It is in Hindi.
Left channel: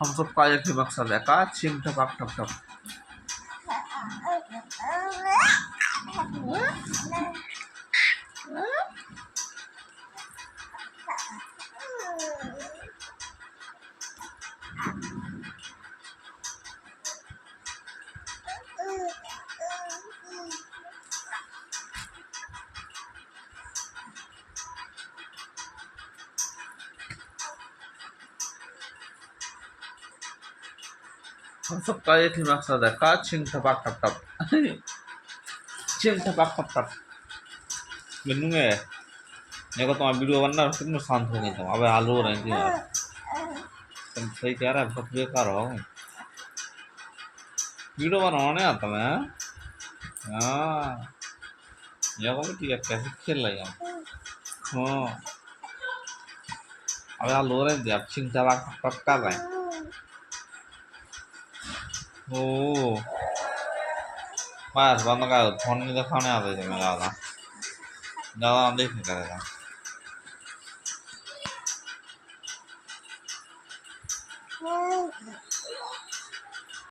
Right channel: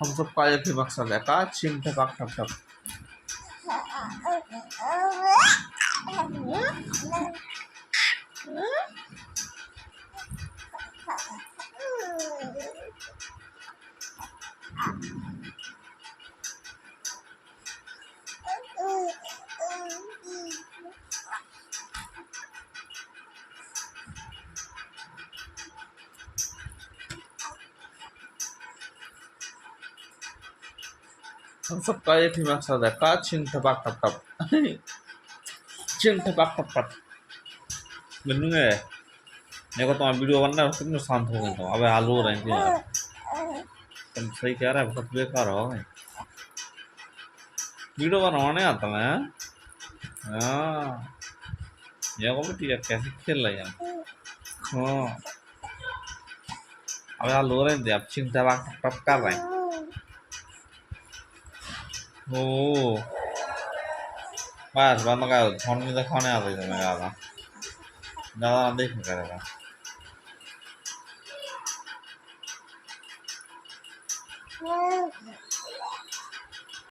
हम सब का एक ही मकसद है का चिंग टपक टप टप हम सब का एक ही मकसद है का चिंग टपक टप टप चिंग टपक टप टप गन्नूंगे देखो तुम्हारा वीडियो बनना है कितने शांत हो गई तुम अबे हाल हो रही थी यार तुम सही कह रहा है बहुत बेकार हो गई वीडियो बनवाने आता मैं हाँ ये को बेटी कैसे खेल रही है हाँ अबे हाल हो रहे थे अब चिंग टपक टप टप कर रहे हैं ओ बस बंद कर फोन में तो खाने आते थे मैं ज़्यादा ज़्यादा देख नहीं करेगा